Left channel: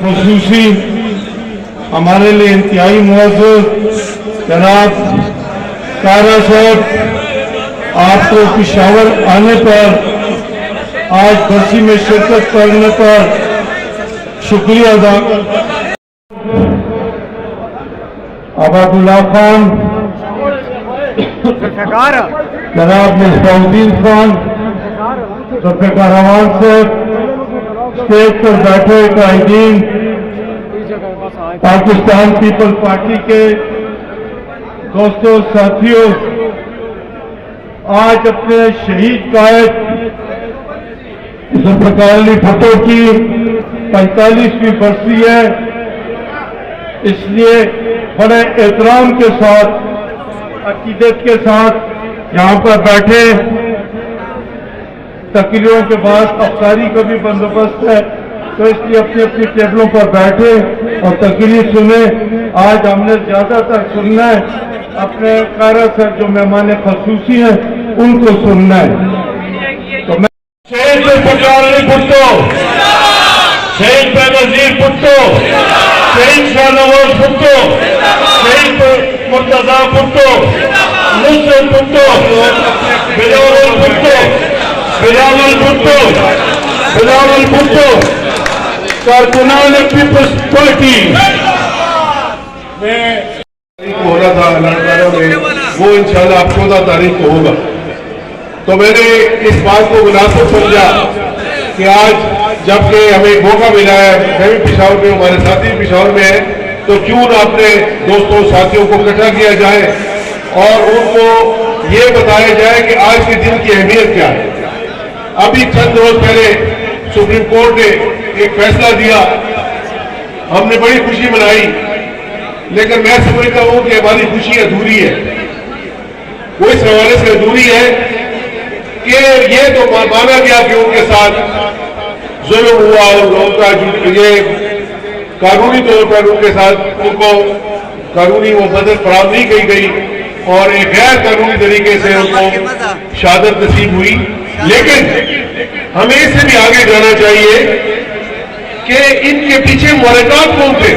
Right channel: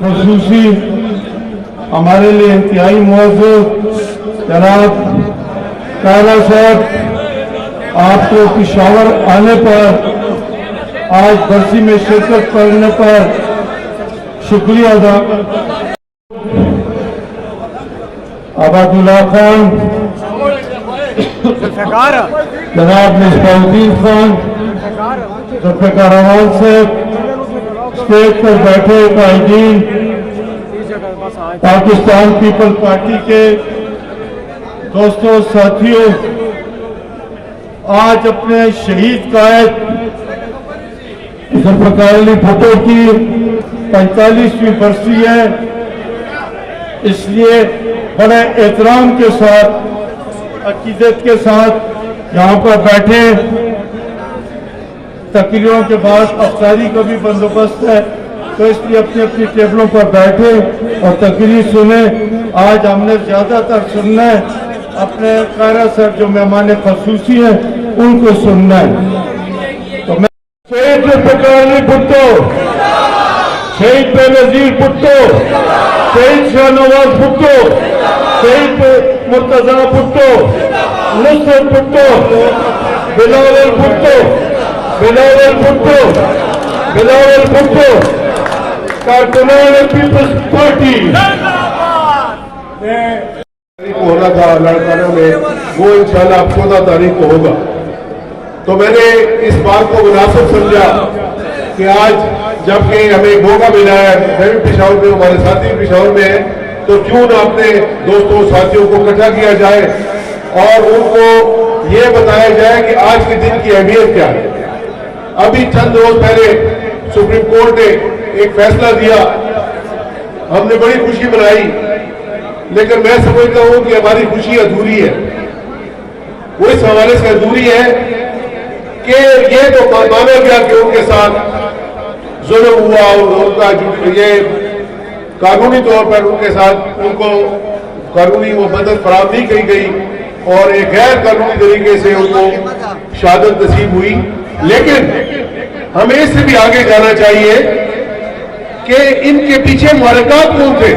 خصوصی ہمارے لیے انتہائی معزز جناب قائرہ صاحب، آپ کو پشاور آنے پر، آج برسی میں شرکت کرنے پر شکریہ ادا کرتا ہوں۔ عبد اللہ خان، جناب مصباح الدین خان، ذوالفقار احمد صاحب، اسٹیج پر بیٹھے قائدین، پاکستان پیپل پارٹی کے دوستوں، ساتھیوں، آج اپنے شہید قائد ذوالفقار علی بھٹو کی 45ویں برسی ہے، اس لیے بڑے احترام کے ساتھ، عقیدت کے ساتھ یہاں پر بیٹھے۔ تقریروں کے بعد افطاری کا بھی بندوبست ہے، تو اس لیے اپنی اپنی ٹیبلوں پر بیٹھے اور تقریر سنیں۔ آج ہم نے زیادہ تر سننا ہے اپنے قائرہ صاحب جو مہمان خصوصی ہیں ان کو سننا ہے۔ تو میں شہید ذوالفقار علی بھٹو، شہید بینظیر بھٹو، شہید شاہ نواز بھٹو، شہید مرتضیٰ بھٹو، نصرت بھٹو، بلاول بھٹو، بلاول بھٹو، بلاول بھٹو، کارکنان پیپلز پارٹی میں ہو رہا تھا لڑکاروں میں، وہ انشاءاللہ اب 14 تاریخ کو ہوگا۔ تو میں نے اس بات کو مناسب سمجھا کہ آج جب کہ ہمیں موقع ملا ہے، میں بھی پشاور میں، ہمارے ساتھی پشاور میں ہیں، تو کیوں نہ اپنے دوستوں ساتھیوں کو اکٹھا کیا جائے اور ان کو یہ بتایا جائے کہ آج کے دن کی اہمیت کیا ہے۔ ابھی چند روز پہلے سپریم کورٹ نے ایک فیصلہ دیا، ہم نے بڑی خوشی منائی، لیکن میں سمجھتا ہوں کہ ہماری خوشی ادھوری ہے۔ وہ اس حوالے سے ادھوری ہے کہ یہ جو مانا گیا کہ ان کے ساتھ ظلم ہوا اور ان کا یہ قانونی طور پر ان کے ساتھ ان کو قانونی وہ مدد فراہم نہیں کی گئی اور ایک غیر قانونی طریقے سے ان کو شہادت نصیب ہوئی، لیکن ہمیں اس سے بھی آگے جانا چاہیے کہ ان کے پیچھے محرکات کون تھے،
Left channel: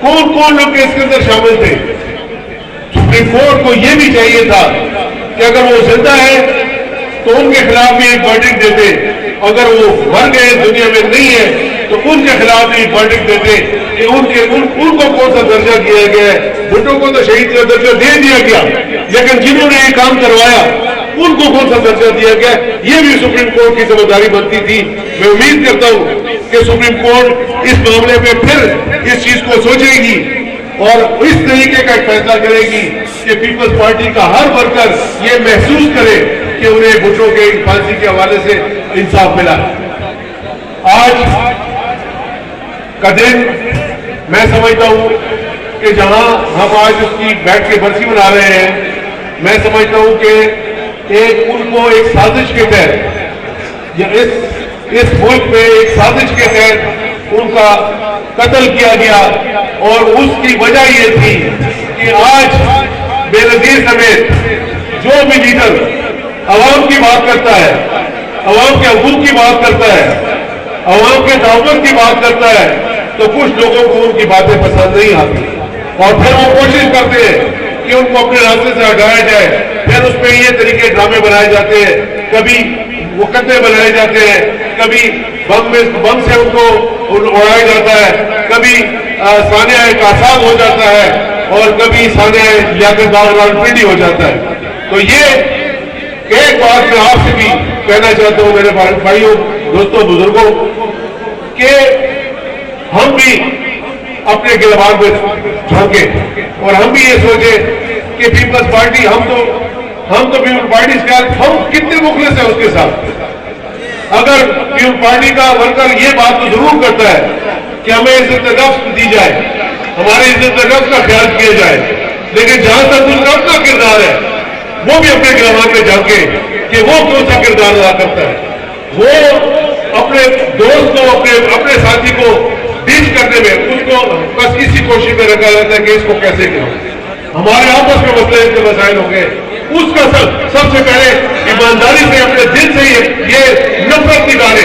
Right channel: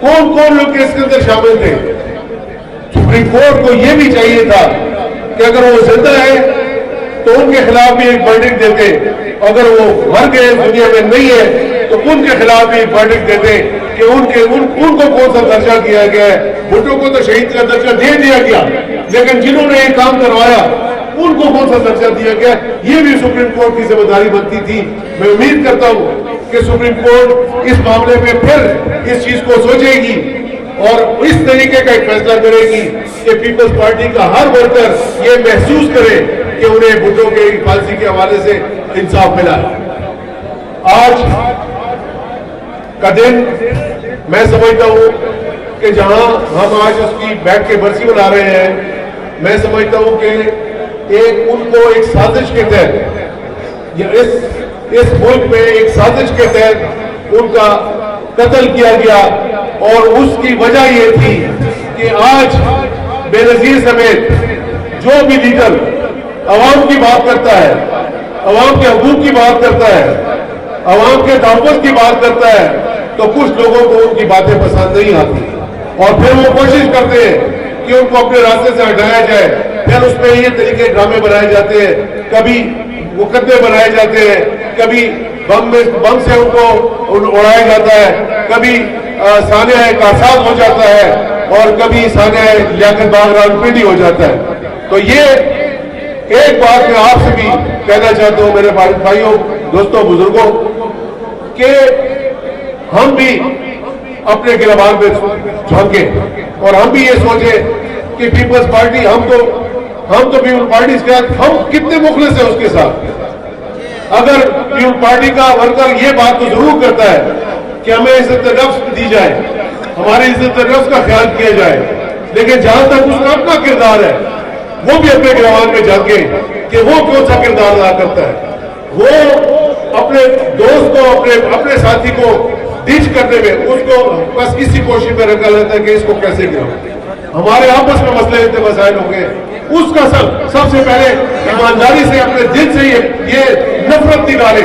کون کون لوگ اس کے اندر شامل تھے۔ سپریم کورٹ کو یہ بھی چاہیے تھا کہ اگر وہ زندہ ہے تو ان کے خلاف بھی ایک ورڈکٹ دیتے، اگر وہ مر گئے دنیا میں نہیں ہے تو ان کے خلاف بھی ایک ورڈکٹ دیتے کہ ان کو کون سا درجہ دیا گیا ہے۔ بھٹو کو تو شہید کا درجہ دے دیا گیا، لیکن جنہوں نے یہ کام کروایا ان کو کون سا درجہ دیا گیا، یہ بھی سپریم کورٹ کی ذمہ داری بنتی تھی۔ میں امید کرتا ہوں کہ سپریم کورٹ اس معاملے میں پھر اس چیز کو سوچے گی اور اس طریقے کا ایک فیصلہ کرے گی کہ پیپلز پارٹی کا ہر ورکر یہ محسوس کرے کہ انہیں بھٹو کے پھانسی کے حوالے سے انصاف ملا ہے۔ آج کا دن میں سمجھتا ہوں کہ جہاں ہم آج اس کی بیٹھ کے برسی منا رہے ہیں، میں سمجھتا ہوں کہ ان کو ایک سازش کے تحت یا اس ملک میں ایک سازش کے تحت ان کا قتل کیا گیا، اور اس کی وجہ یہ تھی کہ آج بے نظیر سمیت جو بھی لیڈر عوام کی بات کرتا ہے، عوام کے حقوق کی بات کرتا ہے، عوام کے تعاون کی بات کرتا ہے، تو کچھ لوگوں کو ان کی باتیں پسند نہیں آتی اور پھر وہ کوشش کرتے ہیں کہ ان کو اپنے راستے سے ہٹایا جائے۔ پھر اس میں یہ طریقے ڈرامے بنائے جاتے ہیں، کبھی مقدمے بنائے جاتے ہیں، کبھی بم سے ان کو اڑایا جاتا ہے، کبھی سانحہ احساس ہو جاتا ہے اور کبھی سانحہ لیاقت باغ پنڈی ہو جاتا ہے۔ تو یہ ایک بات میں آپ سے بھی کہنا چاہتا ہوں میرے بھائیوں، دوستوں، بزرگوں، کہ ہم بھی اپنے گربان میں جھانکیں اور ہم بھی یہ سوچیں کہ پیپلز پارٹی ہم تو پیپلز پارٹی کے ساتھ ہم کتنے مخلص ہیں اس کے ساتھ۔ اگر پیپلز پارٹی کا ورکر یہ بات تو ضرور کرتا ہے کہ ہمیں عزت نفس دی جائے، ہماری عزت نفس کا خیال کیا جائے، لیکن جہاں تک اس کا اپنا کردار ہے وہ بھی اپنے گربان میں جھانکے کہ وہ کون سا کردار ادا کرتا ہے۔ وہ اپنے دوست کو اپنے ساتھی کو ڈیل کرنے میں اس کو بس اسی کوشش میں رکھا جاتا ہے کہ اس کو کیسے کریں۔ ہمارے آپس میں مسائل ہو گئے، اس کا سب سے پہلے ایمانداری سے اپنے دل سے یہ نفرت نکالے۔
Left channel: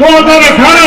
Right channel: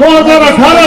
2018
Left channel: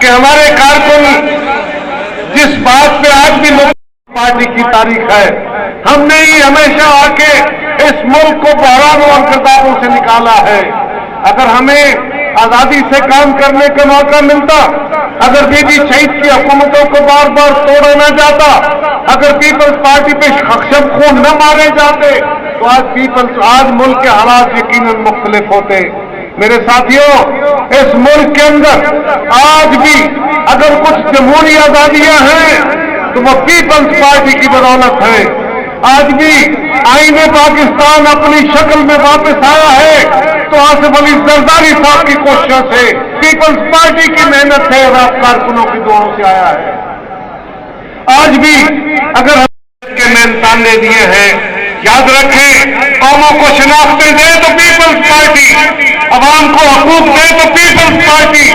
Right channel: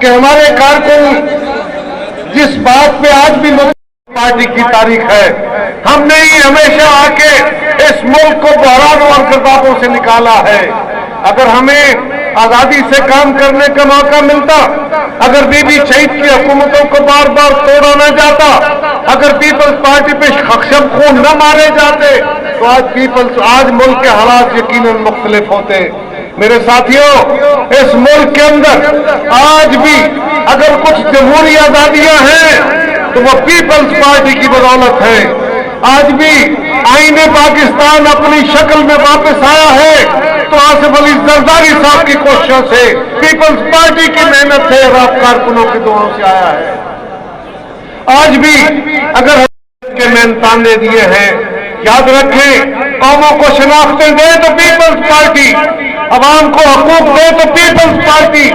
کہ ہمارے کارکن جس بات پہ آج بھی پارٹی کی تاریخ ہے، ہم نے ہی ہمیشہ آ کے اس ملک کو بحران اور گردابوں سے نکالا ہے۔ اگر ہمیں آزادی سے کام کرنے کا موقع ملتا، اگر بی بی شہید کی حکومتوں کو بار بار توڑا نہ جاتا، اگر پیپلز پارٹی پہ شب خون نہ مارے جاتے، تو آج ملک کے حالات یقیناً مختلف ہوتے۔ میرے ساتھیوں، اس ملک کے اندر آج بھی اگر کچھ جمہوری آزادیاں ہیں تو وہ پیپلز پارٹی کی بدولت ہے۔ آج بھی آئین پاکستان اپنی شکل میں واپس آیا ہے تو آصف علی زرداری صاحب کی کوششوں سے، پیپلز پارٹی کی محنت سے، رات کارکنوں کی دعاؤں سے آیا ہے۔ آج بھی اگر کے نیم نے دیے ہیں، یاد رکھیں، قوموں کو شناختیں دے تو پیپلز پارٹی، عوام کو حقوق دے تو پیپلز پارٹی،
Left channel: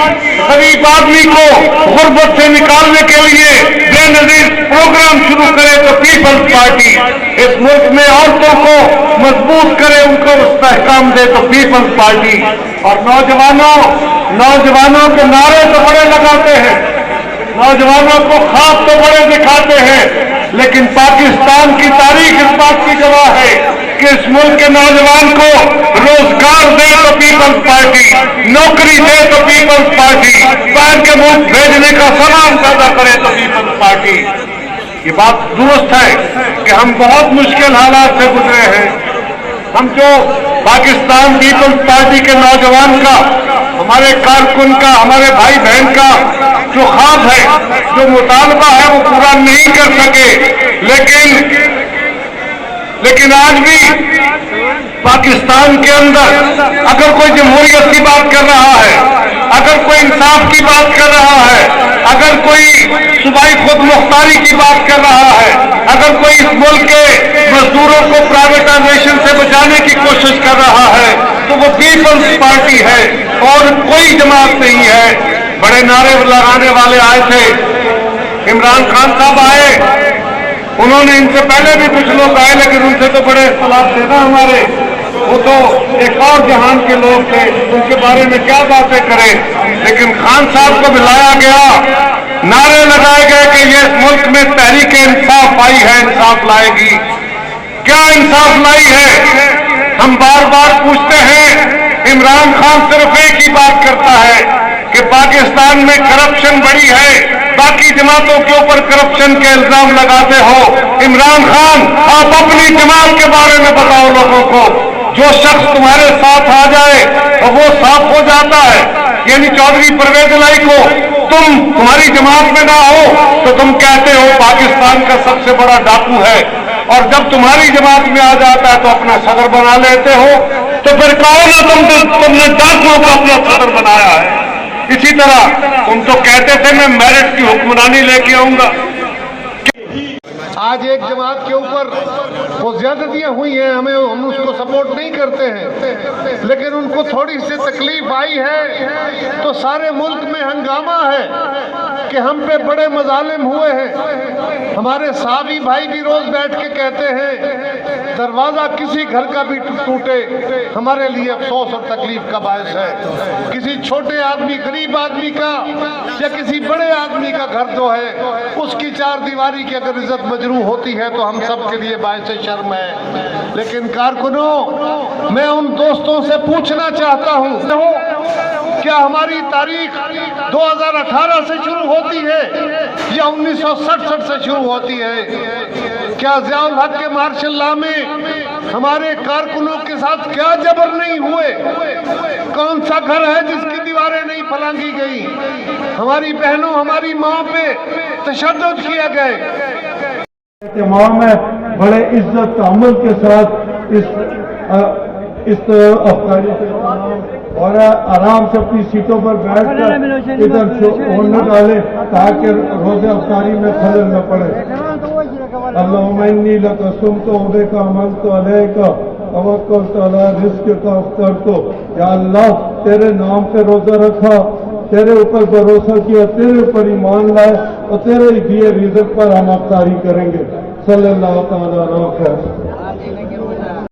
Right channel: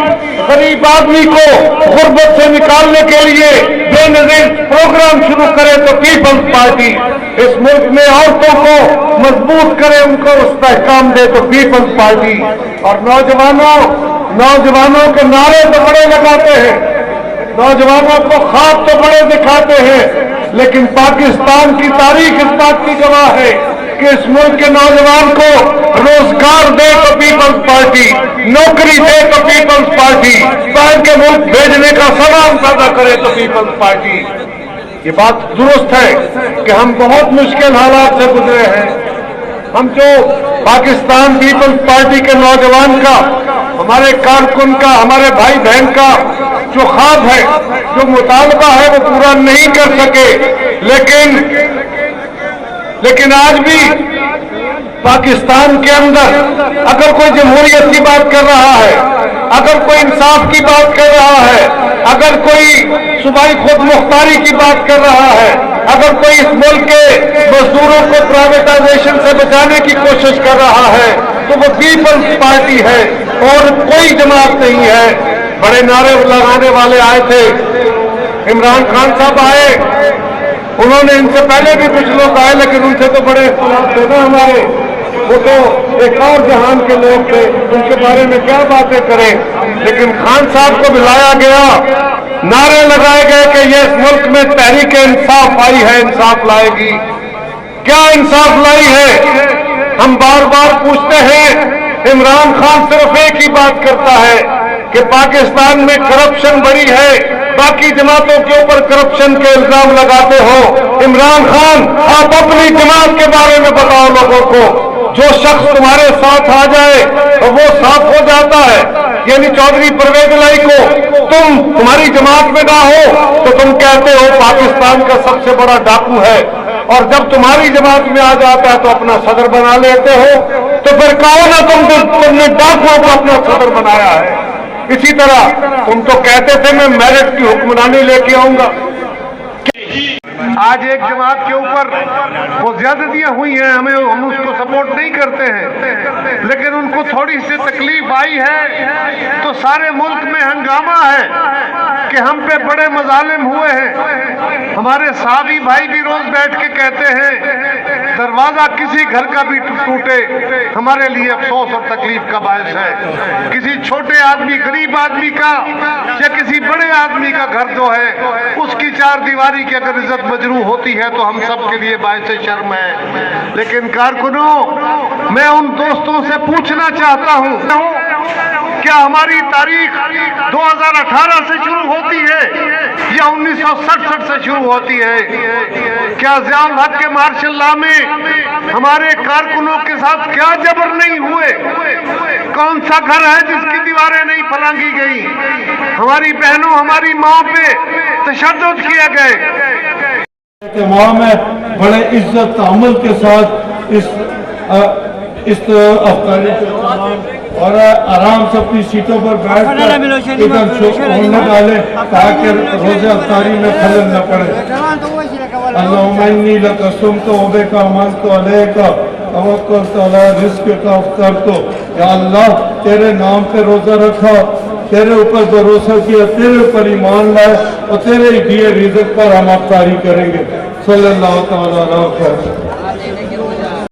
غریب آدمی کو غربت سے نکالنے کے لیے بے نظیر پروگرام شروع کرے تو پیپلز پارٹی، اس ملک میں عورتوں کو مضبوط کرے، ان کو استحکام دے تو پیپلز پارٹی۔ اور نوجوانوں کے نعرے تو بڑے لگاتے ہیں، نوجوانوں کو خواب تو بڑے دکھاتے ہیں، لیکن پاکستان کی تاریخ اس بات کی گواہ ہے کہ اس ملک کے نوجوان کو روزگار دے تو پیپلز پارٹی، نوکری دے تو پیپلز پارٹی، باہر کے ملک بھیجنے کا سامان پیدا کرے تو پیپلز پارٹی۔ یہ بات درست ہے کہ ہم بہت مشکل حالات سے گزرے ہیں۔ ہم جو پاکستان پیپلز پارٹی کے نوجوان کا، ہمارے کارکن کا، ہمارے بھائی بہن کا جو خواب ہے، جو مطالبہ ہے، وہ پورا نہیں کر سکے، لیکن آج بھی پاکستان کے اندر اگر کوئی جمہوریت کی بات کر رہا ہے، اگر کوئی انصاف کی بات کر رہا ہے، اگر کوئی صوبائی خود مختاری کی بات کر رہا ہے، اگر کوئی اس ملک کے مزدوروں کو پرائیویٹائزیشن سے بچانے کی کوشش کر رہا ہے تو وہ پیپلز پارٹی ہے اور کوئی جماعت نہیں ہے۔ بڑے نعرے لگانے والے آئے تھے، عمران خان صاحب آئے، انہوں نے ان سے پہلے بھی کچھ لوگ آئے لیکن ان سے تو بڑے اختلاف تھے نا ہمارے، وہ تو ایک اور جہان کے لوگ تھے، ان کے بارے میں کیا باتیں کریں۔ لیکن خان صاحب کو بلایا گیا، نعرے لگائے گئے کہ یہ اس ملک میں تحریک انصاف آئی ہے، انصاف لائے گی۔ کیا انصاف لائی ہے؟ ہم بار بار پوچھتے ہیں، عمران خان صرف ایک ہی بات کرتا ہے کہ پاکستان میں کرپشن بڑی ہے، باقی جماعتوں کے اوپر کرپشن کے الزام لگاتے ہو۔ عمران خان، آپ اپنی جماعت کے بارے میں بتاؤ لوگوں کو۔ جو شخص تمہارے ساتھ آ جائے اور وہ صاف ہو جاتا ہے، یعنی چودھری پرویز الہی کو تمہاری جماعت میں نہ ہو تو تم کہتے ہو پاکستان کا سب سے بڑا ڈاکو ہے، اور جب تمہاری جماعت میں آ جاتا ہے تو اپنا صدر بنا لیتے ہو، تو پھر کہو نا تم نے ڈاکوؤں کو اپنا صدر بنایا ہے۔ اسی طرح تم تو کہتے تھے میں میرٹ کی حکمرانی لے کے آؤں گا۔ آج ایک جماعت کے اوپر وہ زیادتیاں ہوئی ہیں، ہم اس کو سپورٹ نہیں کرتے ہیں، لیکن ان کو تھوڑی سی تکلیف آئی ہے تو سارے ملک میں ہنگامہ ہے کہ ہم پہ بڑے مظالم ہوئے ہیں۔ ہمارے صحابی بھائی بھی روز بیٹھ کے کہتے ہیں دروازہ کسی گھر کا بھی ٹوٹے ہمارے لیے افسوس اور تکلیف کا باعث ہے۔ کسی چھوٹے آدمی، غریب آدمی کا یا کسی بڑے آدمی کا گھر جو ہے اس کی چار دیواری کی اگر عزت مجروح ہوتی ہے تو ہم سب کے لیے باعث شرم ہے۔ لیکن کارکنوں، میں ان دوستوں سے پوچھنا چاہتا ہوں، کیا ہماری تاریخ 2018 سے شروع ہوتی ہے یا 1967 سے شروع ہوتی ہے؟ کیا ضیاء الحق کے مارشل لا میں ہمارے کارکنوں کے ساتھ کیا جبر نہیں ہوئے؟ کون سا گھر ہے جس کی دیواریں نہیں پھلانگی گئی؟ ہماری بہنوں، ہماری ماں پہ تشدد کیا گئے۔ تمام ہے بڑے عزت تعامل کے ساتھ اس افطاری کے اور آرام سے اپنی سیٹوں پر بیٹھ کر ادھر چھوڑنے والے تاکہ روزہ افطاری میں خلل نہ پڑے۔ اللہم انی لک صمت و بک عملت علیک توکلت علی رزقک افطرت۔ یا اللہ، تیرے نام پہ روزہ رکھا، تیرے اوپر بھروسہ کیا، تیرے اوپر ایمان لائے اور تیرے دیے رزق پر ہم افطاری کریں گے۔ صلی اللہ تعالیٰ علیہ وسلم۔